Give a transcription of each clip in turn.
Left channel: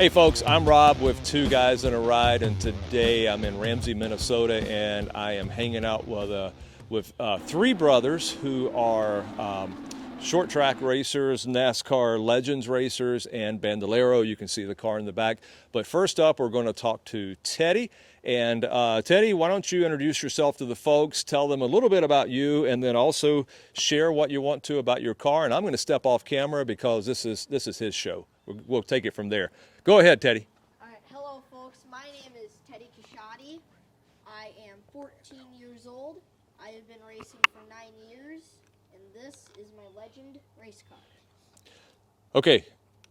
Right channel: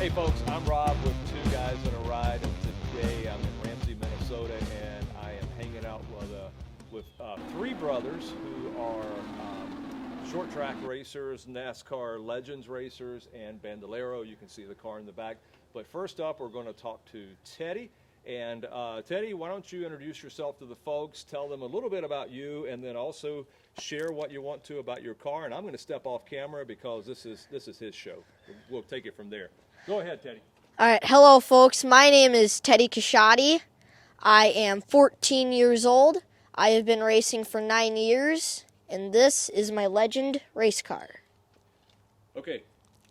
Hey folks, I'm Rob with Two Guys in a Ride, and today I'm in Ramsey, Minnesota, and I am hanging out with three brothers who are short track racers, NASCAR Legends racers, and Bandolero. You can see the car in the back. But first up, we're going to talk to Teddy. And Teddy, why don't you introduce yourself to the folks, tell them a little bit about you, and then also share what you want to about your car. And I'm going to step off camera because this is his show. We'll take it from there. Go ahead, Teddy. All right, hello folks. My name is Teddy Kashadi. I am 14 years old. I have been racing for 9 years, and this is my Legend race car. Okay,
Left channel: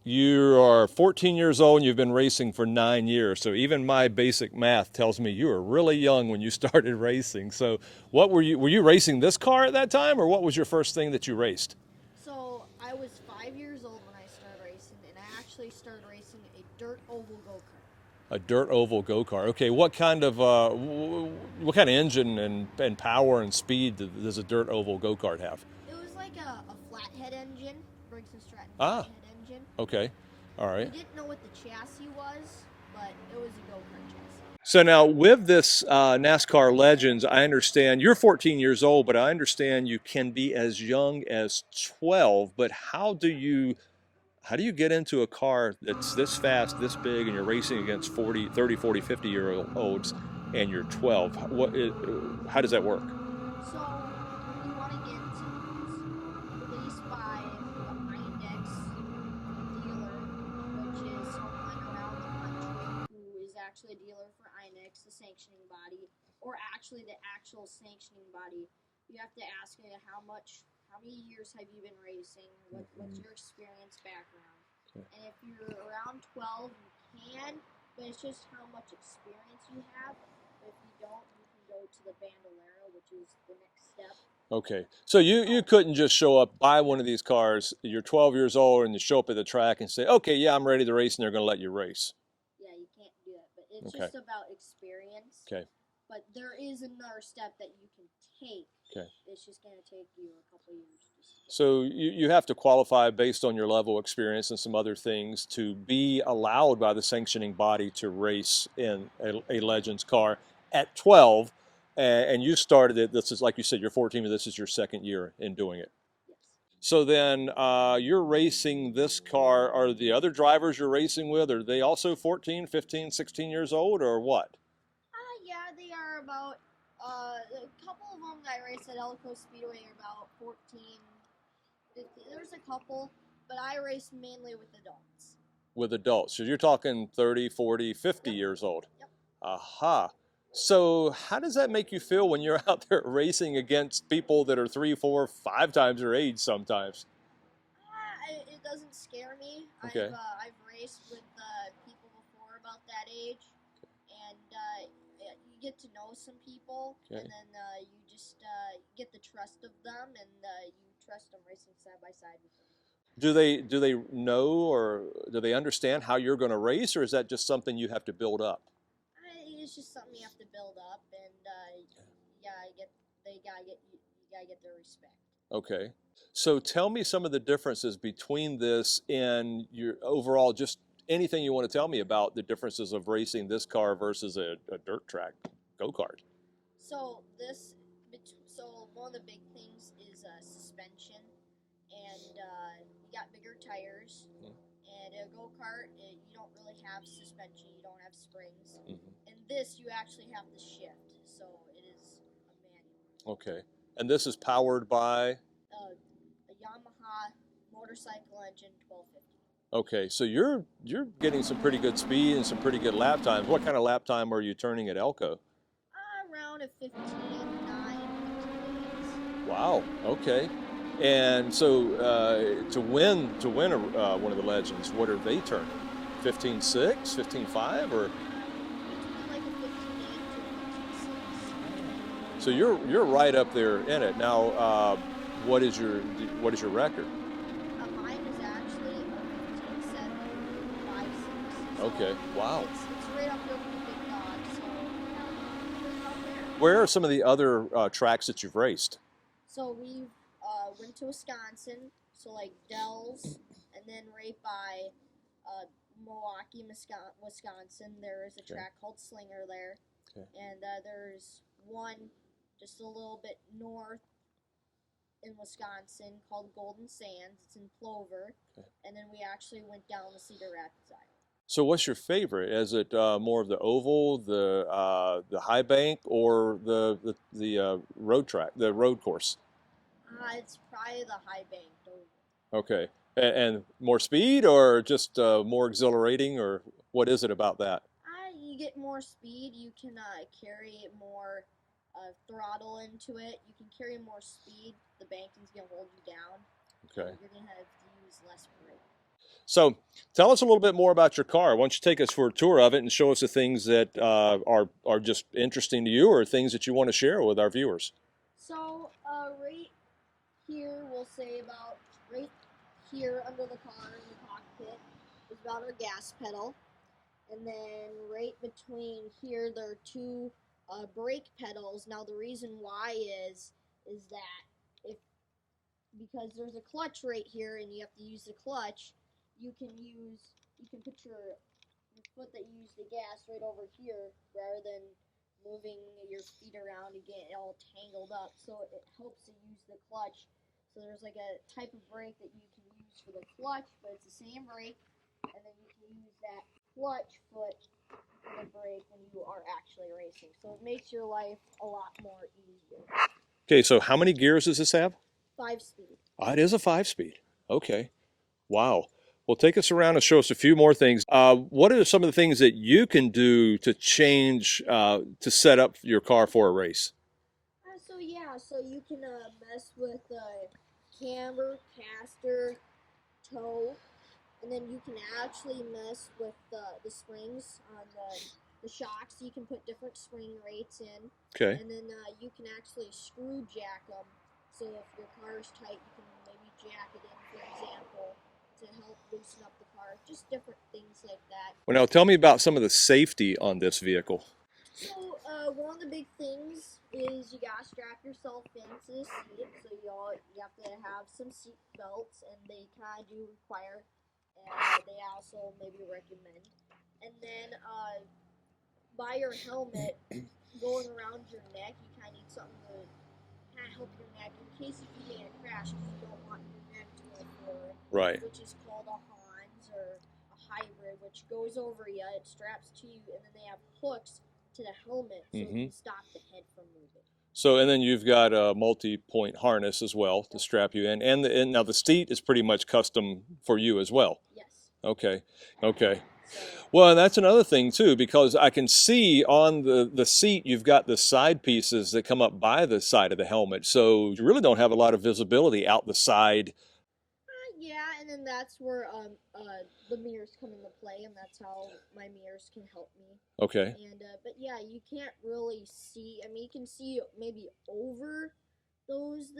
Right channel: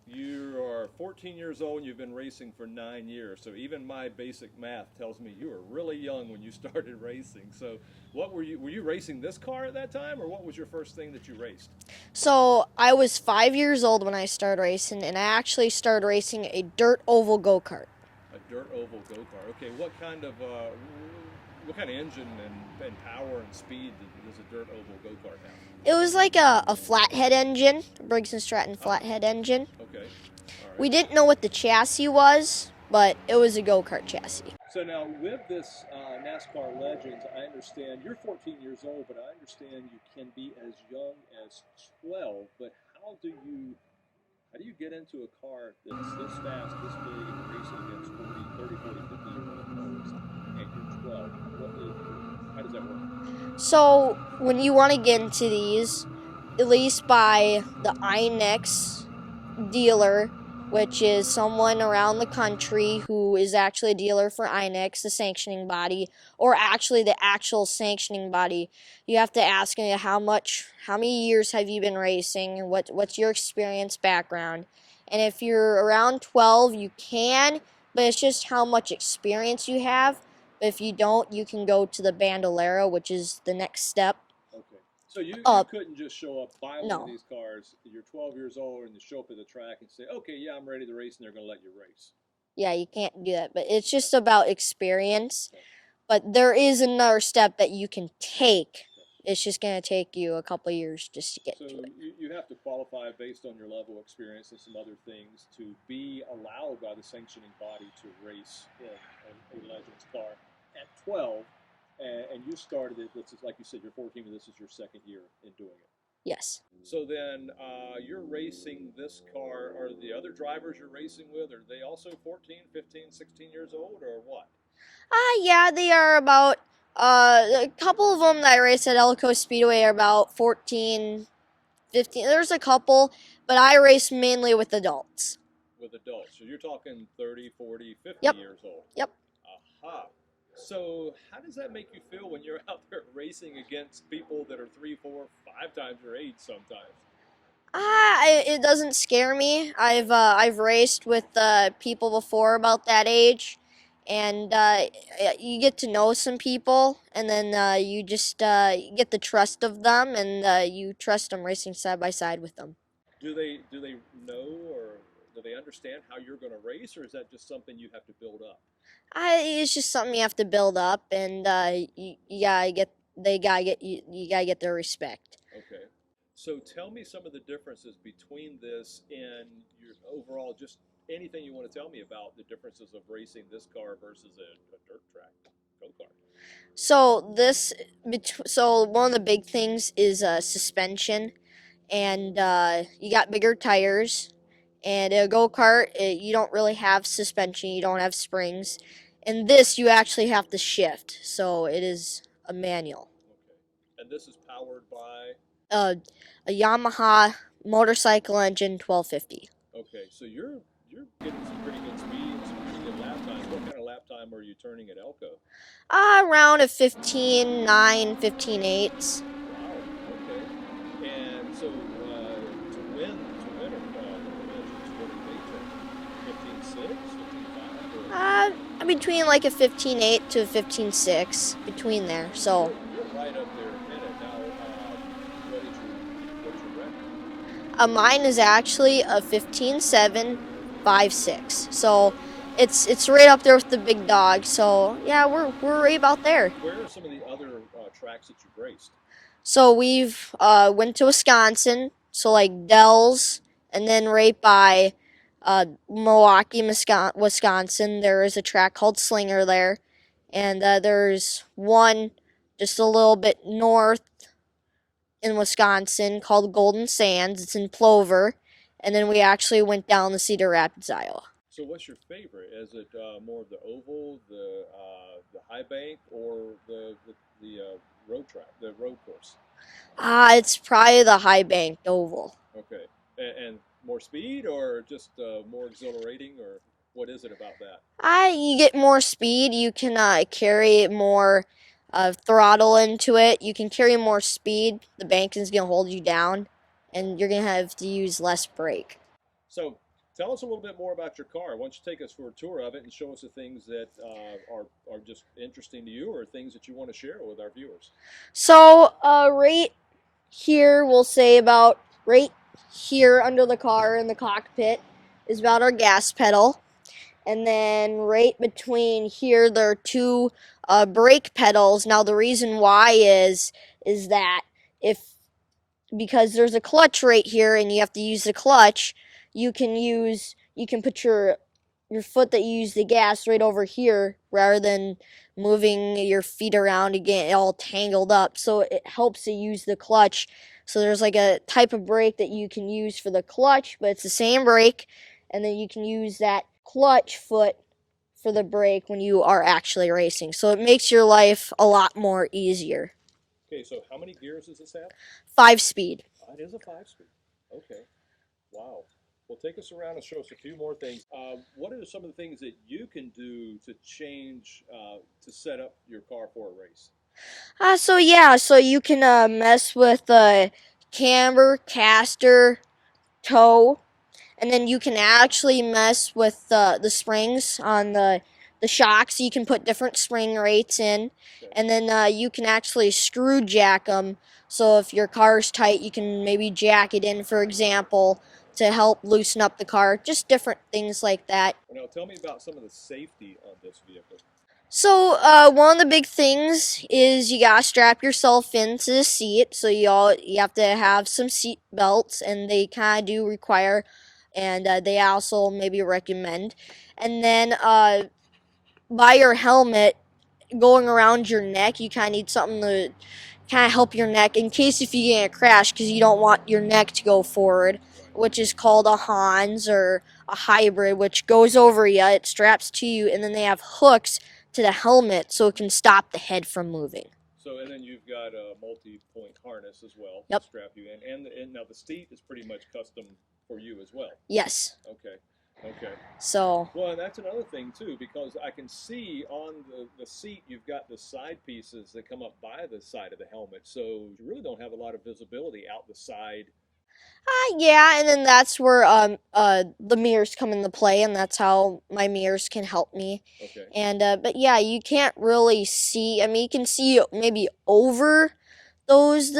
you are 14 years old and you've been racing for 9 years. So even my basic math tells me you were really young when you started racing. So what were you racing this car at that time, or what was your first thing that you raced? So I was 5 years old when I started racing, and I actually started racing a dirt oval go-kart. A dirt oval go-kart. Okay, what kind of engine and power and speed does a dirt oval go-kart have? It was like a flathead engine, Briggs & Stratton flathead engine. Okay, all right. We didn't know what the chassis was, but it was a go-kart chassis. So now with this NASCAR Legends, I understand you're 14 years old, but I understand you can be as young as 12. But how do you get into a car that's this fast, this big, and you're racing against 30, 40, 50-year-olds, and you're 12? How does that work? So when you want to get into these, at least by the INEX dealer, which is someone around the country who is actually a dealer for INEX, the sanctioning body, or actually the actual sanctioning body, you have to ask them how many years have you been racing, what's your experience background. And if you're around 12, you can, but it's just how much experience you have. If you don't, you can go to the Bandolero, which is the next step. Okay, so you couldn't just show up, buy one of these cars, you're 12 years old, and you show up at the track and say, okay, yeah, I'm ready to race, and they're going to let you race. Yeah, you can't do that, but it's just about experience. Okay. But there is another step that you can take. Okay. It's just going to take you a couple of years just to get So you have to qualify based on your level of experience and some other things to be allowed by the sanctioning body to race in a Legends car at 12. And you started it, this is like you said, you're 14, but this is your second year in doing it. Yes. So then you're racing this car. Are the other drivers you're racing with, are they also 14, 15, 16 years old, or what? Yeah, they are about, a couple of them that I race at Elko Speedway are about 14, 15. There's a couple, but I race mainly with adults. With adults. So you're talking 30, 40, 50 years old. Yep. Aha. So how does that make you feel when you're out there racing against people that are 3, 4, 5 times your age sometimes? It doesn't scare me. Okay. I've raced with people before about that age, and you get to know some people, and then you just get the trust of them, and you trust them racing side by side with them. Do they know, or do they understand how you're going to race, or is that just something you have to build up? It's just something you have to build up, and you gotta get their respect. Okay. So tell me some of the differences between this and your overall, just anything you want to tell me about the differences of racing this car versus a dirt track go-kart. So one of the big things is suspension, and you got bigger tires. And a go-kart, you don't really have suspension, you don't have springs. And this, you actually have to shift, so it is a manual. Okay. And this is powered by? A Yamaha motorcycle engine 1250. Okay, so you're getting some pretty good speed and some pretty good lap times. What kind of lap time are you turning at Elko? Around a 15.9, 15.8. Wow, okay. And so to win one of the Legends, what are they turning? 15.6, 15.5, or? Between like a 15.8 to a 15.6, between there. So you're right up there in it. Now, what is your record? Mine is actually a 15.7, 5.6. So okay. Wow. it's right up there with the big dog. So yeah, we're right about there. Where are some of the other tracks that you've raced? So we've went to Wisconsin, so like Dells, and then right by Milwaukee, Wisconsin. There is a track called Slinger there, and there's one just a little bit north in Wisconsin called Golden Sands. It's in Plover, and then we actually went down to Cedar Rapids, Iowa. So what's your favorite? Is it more of the oval, the high bank, or the road track, the road course? It's probably the high banked oval. Okay. And more speed or just more exhilarating, or what is it about that? You get more speed. You can carry more throttle into it. You can carry more speed. The banking's gonna hold you down, Okay. and you're gonna have to use less brake. So tell us a little bit more about your car. Why don't you take us for a tour of it and show us the things that are just interesting to you or things that you want to share with our viewers? So, right here, we'll say about right here under the car in the cockpit is about our gas pedal. And then right between here, there are two brake pedals. Now, the reason why is that if because there's a clutch right here and you have to use the clutch, you can put your foot that you use the gas right over here rather than moving your feet around and get all tangled up. So it helps to use the clutch. So there's like a type of brake that you can use for the clutch, but it's the same brake, and then you can use that clutch foot for the brake when you are actually racing. So it makes your life a lot more easier. Okay, so how many gears does this have? 5-speed. It is a 5-speed. Okay. Wow. Well, take us around and show us a few more things. What are some of the things that you can do to change to set up your car for a race? So you can mess with camber, caster, toe, and then you can actually mess with the springs on the shocks. You can put different spring rates in, Okay. and then you can actually screw jack them. So if your car's tight, you can maybe jack it in, for example, to help loosen up the car. Just different things like that. Well, now tell me about some of the safety on this vehicle. So, one of the big things is you gotta strap yourself into the seat. So you have to have some seat belts, and they kind of do require, and they also maybe recommend. And then, by your helmet going around your neck, you kind of need something to kind of help your neck in case if you get in a crash, because you don't want your neck to go forward. Right. Which is called a Hans or a hybrid, which goes over you. It straps to you, and then they have hooks to the helmet so it can stop the head from moving. So, and then you've got a multi-point harness as well to Yep. strap you in. And now the seat is pretty much custom for you as well. Yes. Okay. Okay. So, Well, and that's another thing too, because I can see on the seat you've got the side pieces that come up by the side of the helmet. So you really don't have a lot of visibility out the side. yeah, and then that's where the mirrors come into play, and that's how my mirrors can help me. Okay. And but yeah, you can't really see. I mean, you can see maybe over those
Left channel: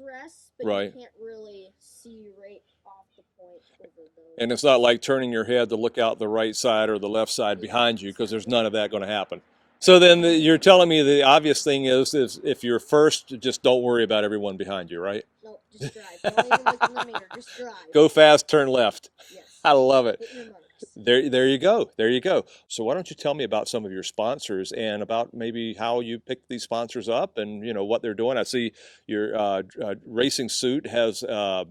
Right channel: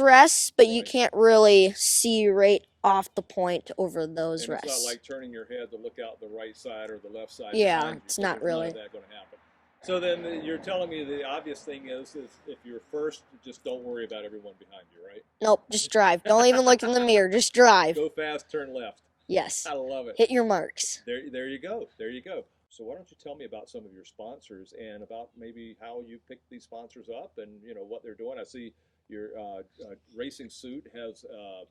rests, but you Right. can't really see right off the point over those And it's rests. not like turning your head to look out the right side or the left side Yeah, behind you, it's because not there's none of really. that going to happen. So then you're telling me the obvious thing is if you're first, just don't worry about everyone behind you, right? Nope, just drive. Don't even look in the mirror. Just drive. Go fast, turn left. Yes. I love it. Hit your marks. There you go. There you go. So why don't you tell me about some of your sponsors and about maybe how you picked these sponsors up and what they're doing. I see your racing suit has a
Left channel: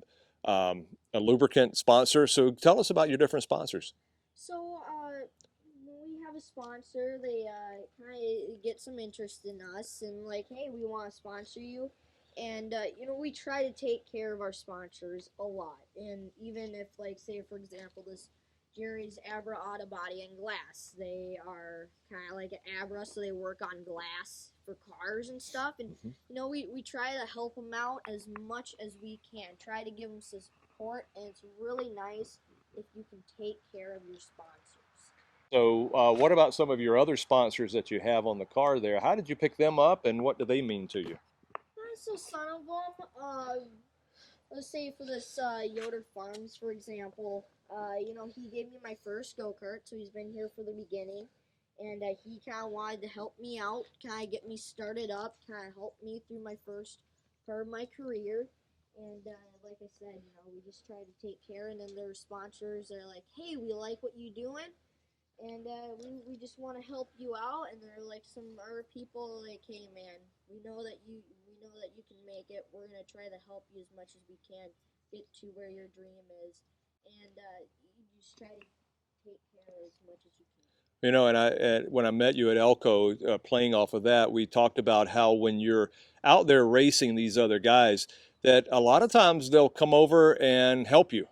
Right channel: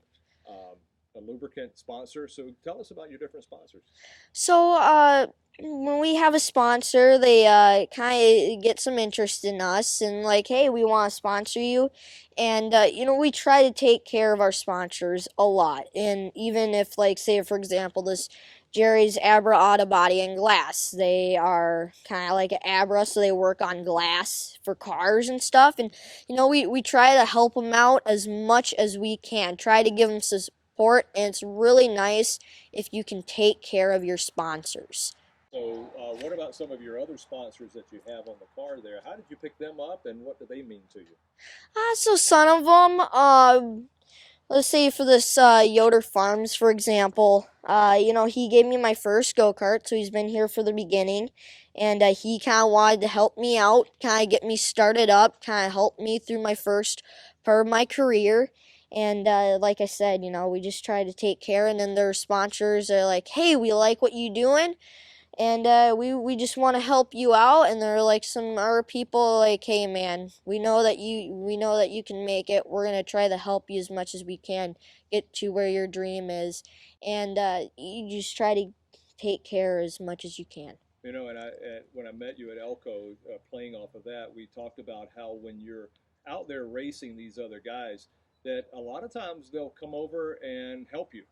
lubricant sponsor. So tell us about your different sponsors. So, when we have a sponsor, they kind of get some interest in us and like, hey, we want to sponsor you. And we try to take care of our sponsors a lot. And even if, like, say for example, this Jerry's Abra Auto Body and Glass, they are kind of like an Abra, so they work on glass for cars and stuff. And we try to help them out as much as we can. Try to give them support, and it's really nice if you can take care of your sponsors. So what about some of your other sponsors that you have on the car there? How did you pick them up and what do they mean to you? So some of them, let's say for this Yoder Farms, for example, he gave me my first go-kart, so he's been here for the beginning, and he kind of wanted to help me out, kind of get me started up, kind of help me through my first part of my career. And like I said, we just try to take care. And then their sponsors are like, "Hey, we like what you doing, and we just want to help you out." And they're like, some other people like, "Hey, man, we know that you can make it. We're gonna try to help you as much as we can get to where your dream is." And you just try to take care as much as you can. And when I met you at Elko, playing off of that, we talked about how when you're out there racing these other guys, that a lot of times they'll come over and help you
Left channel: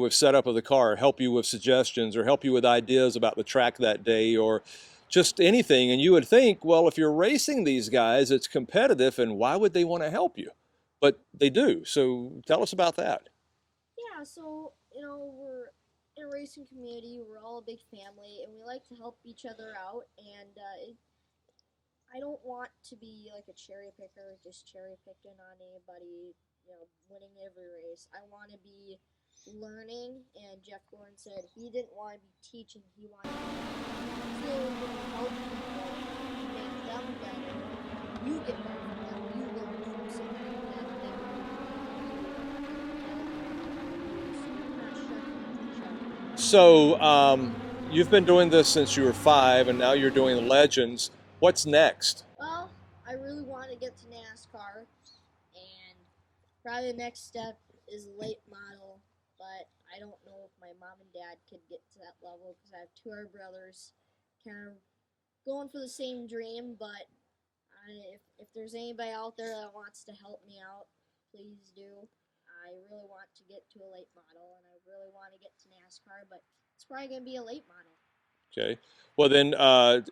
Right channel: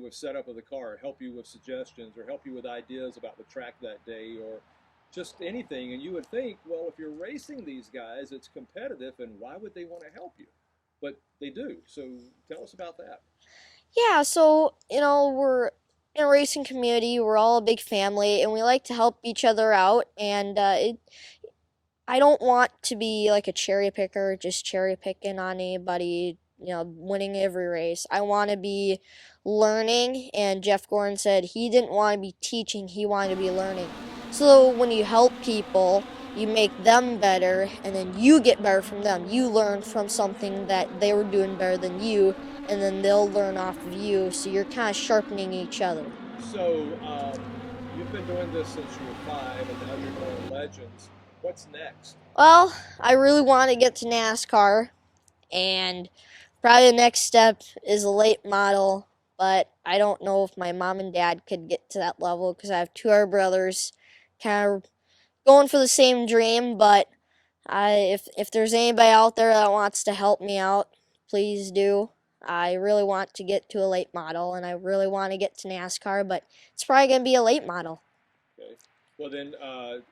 with setup of the car, help you with suggestions, or help you with ideas about the track that day, or just anything. And you would think, well, if you're racing these guys, it's competitive, and why would they want to help you? But they do. So tell us about that. Yeah, so, we're in a racing community. We're all a big family, and we like to help each other out. And I don't want to be like a cherry picker, just cherry picking on anybody, winning every race. I want to be learning, and Jeff Gordon said he didn't want to be teaching, he wanted to be learning. So when you help people, you make them better, and then you get better from them. You learn from something that they were doing better than you, and then they'll learn off of you. So you're kind of sharpening each other. So, you've been doing this since you were 5, and now you're doing Legends. What's next? Well, I really want to get to NASCAR, and probably the next step is a late model, but I don't know if my mom and dad could get to that level because I have two other brothers kind of going for the same dream. But if there's anybody out there that wants to help me out, please do. I really want to get to a late model, and I really want to get to NASCAR, but it's probably going to be a late model. Okay. Well, then,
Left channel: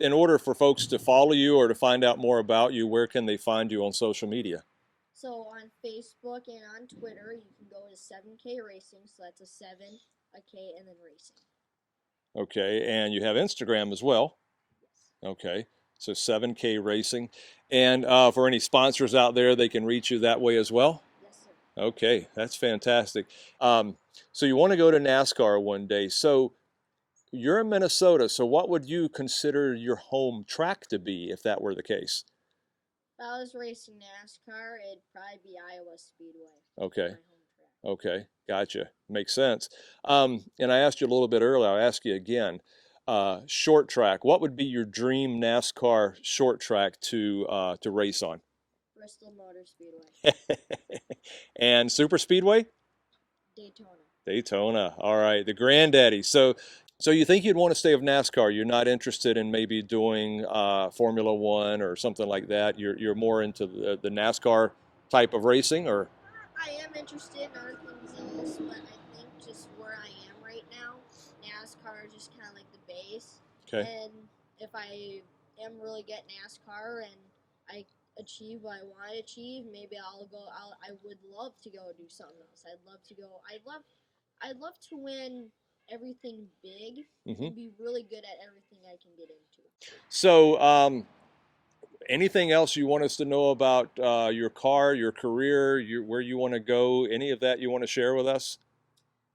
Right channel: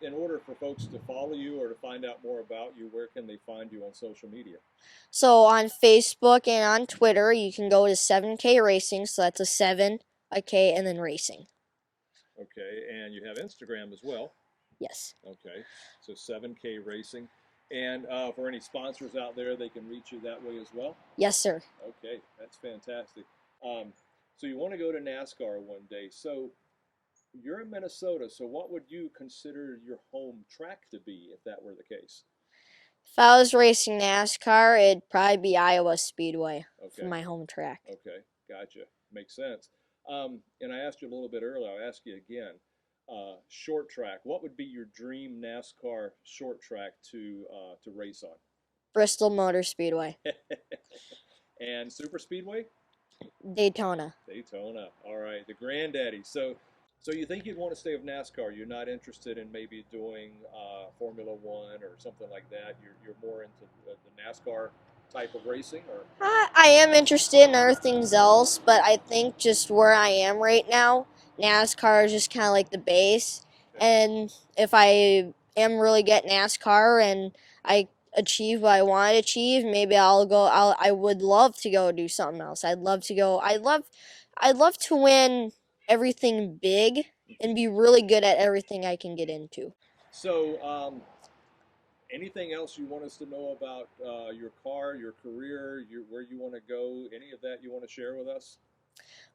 in order for folks to follow you or to find out more about you, where can they find you on social media? So on Facebook and on Twitter, you can go to 7K Racing. So that's a 7, a K, and then racing. Okay. And you have Instagram as well. Yes. Okay. So 7K Racing. And for any sponsors out there, they can reach you that way as well? Yes, sir. Okay. That's fantastic. Um, so you want to go to NASCAR one day. So you're in Minnesota. So what would you consider your home track to be if that were the case? If I was racing NASCAR, it'd probably be Iowa Speedway for Okay. my home track. Okay, gotcha. Makes sense. And I asked you a little bit earlier, I'll ask you again. Short track, what would be your dream NASCAR short track to race on? Bristol Motor Speedway. And super speedway? Daytona. Daytona. All right, the granddaddy. So you think you'd want to stay with NASCAR? You're not interested in maybe doing Formula One or something like that. You're more into the NASCAR type of racing, or I am interested in other things else, but I think just where I am right now, NASCAR is just kind of like the base. okay. And if I am really get NASCAR and I achieve what I want to achieve, maybe I would love to go do something else. I'd love to go. I'd love to win everything big hmm and be really good at everything I can get into. So, anything else you want us to know about your car, your career, where you want to go? Any of that you want to share with us?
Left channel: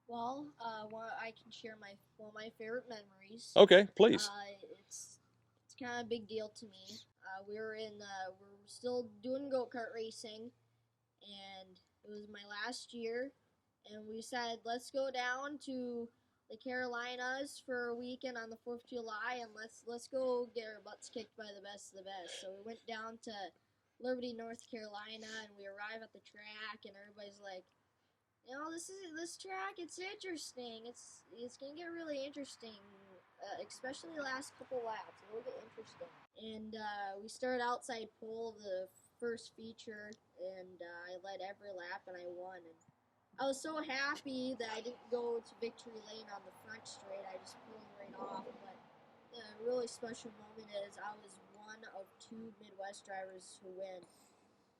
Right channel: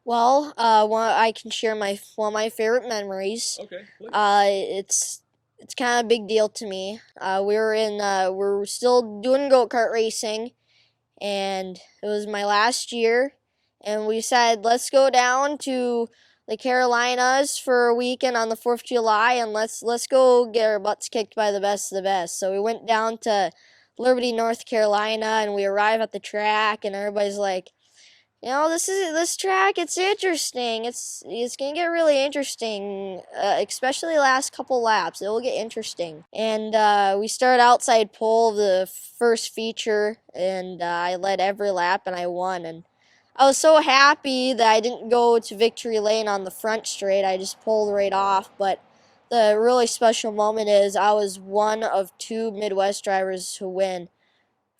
Well, I can share one of my favorite memories. Okay, please. It's kind of a big deal to me. We're still doing go-kart racing, and it was my last year, and we said let's go down to the Carolinas for a weekend on the 4th of July, and let's go get our butts kicked by the best of the best. So we went down to Liberty, North Carolina, and we arrive at the track, and everybody's like, this track. It's interesting. It's gonna get really interesting, especially last couple laps. It will get interesting. And we started outside pole of the first feature, and I led every lap, and I won. And I was so happy that I didn't go to victory lane on the front straight. I just pulled right off. But the really special moment is I was one of two Midwest drivers to win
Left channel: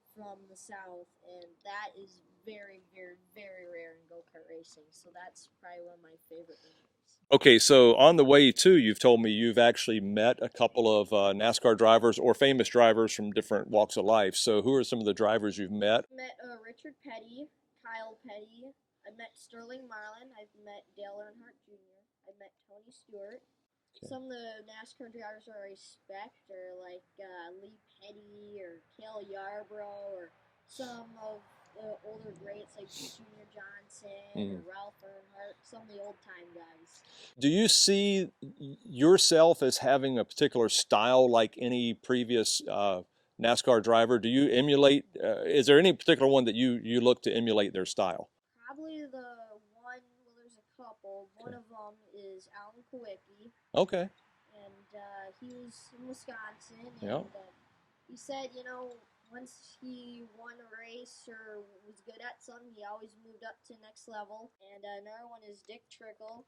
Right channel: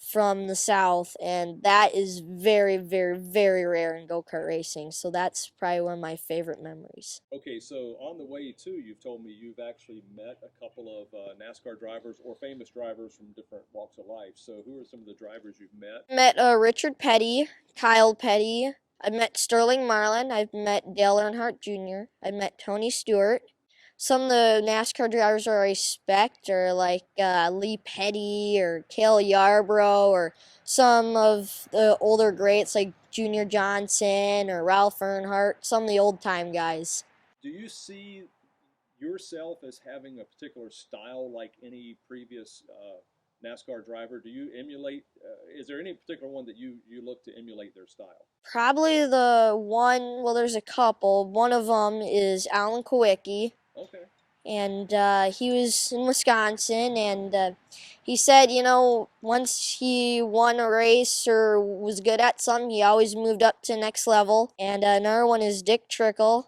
from the South, and that is very, very, very rare in go-kart racing. So that's probably one of my favorite memories. Okay, so on the way too, you've told me you've actually met a couple of NASCAR drivers or famous drivers from different walks of life. So who are some of the drivers you've met? Met Richard Petty, Kyle Petty. I met Sterling Marlin. I've met Dale Earnhardt Jr. I met Tony Stewart. Some of the NASCAR drivers I respect are like Lee Petty or Cale Yarborough or some of the older greats like Junior Johnson or Ralph Earnhardt, some of the old time guys. Do you see yourself as having a particular style like any previous NASCAR driver? Do you emulate? Is there any particular one that you look to emulate their style? Probably the one, well, there's a couple. One of them is Alan Kowicki, Okay. and he was in Wisconsin, Yeah. and he said, you know, once he won a race or was good at something, he always moved up to the next level. And another one is Dick Trickle.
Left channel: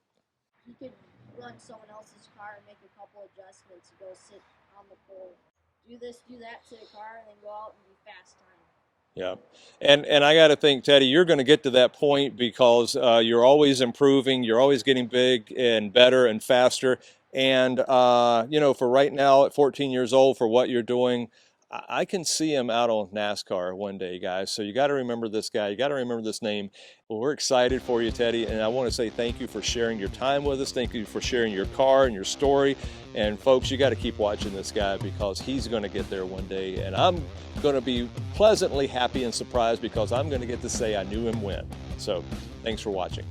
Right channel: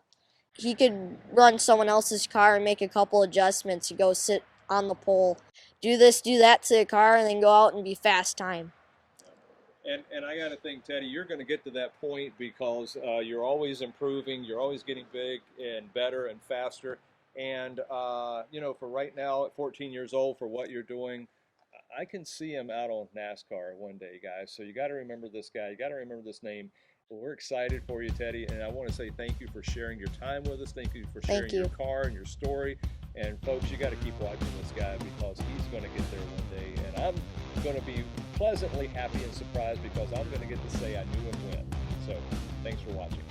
He could run someone else's car and make a couple adjustments to go sit on the pole, do this, do that to the car, and then go out and be fast time. Yeah. And I got to think, Teddy, you're going to get to that point because you're always improving. You're always getting big and better and faster. And, you know, for right now at 14 years old, for what you're doing, I can see him out on NASCAR one day, guys. So you got to remember this guy. You got to remember this name. Well, we're excited for you, Teddy. And I want to say thank you for sharing your time with us. Thank you for sharing your car and your story. And folks, you got to keep watching this guy because he's going to get there one day. And I'm going to be pleasantly happy and surprised because I'm going to get to say I knew him when. So thanks for watching.